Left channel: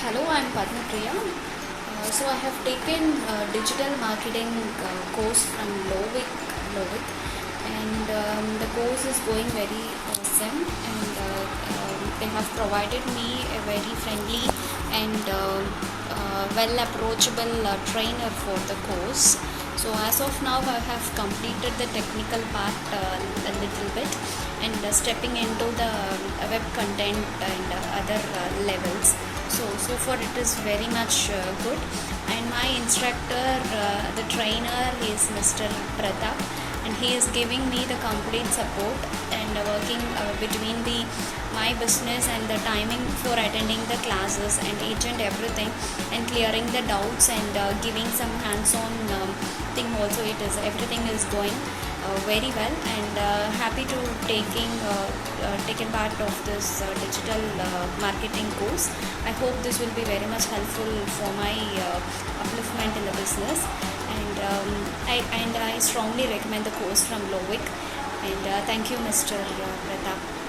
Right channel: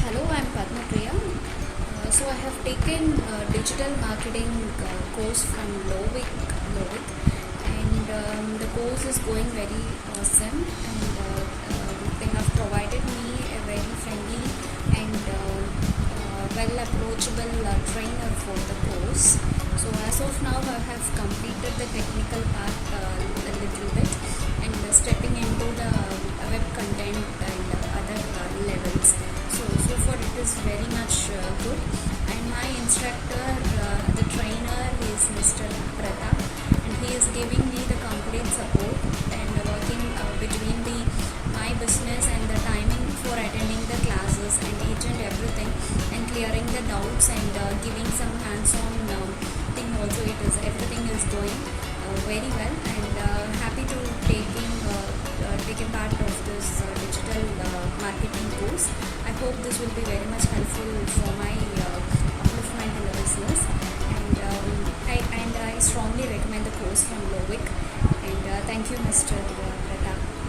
Hello, I'm Padmapriya. So I have taken digital marketing course from Lovik, and the course is going very awesome. And they have provided me a very friendly and well approachable trainer for the course. So as of now, I have completed the technical part a little bit, and stepping into the web content and other levels. So far it is very much good. And my instructor, the trainer, is Mr. Prathap, and he is giving me the complete support and working between my business and the timing for attending the classes and each and everything, and clearing the doubts and giving some hands-on thing also. Everything is going very well, and happy to taken part of this digital marketing course. I hope this will be very much helpful for my upliftment in the business, and I strongly recommend the course from Lovik. And thank you, Mr. Prathap.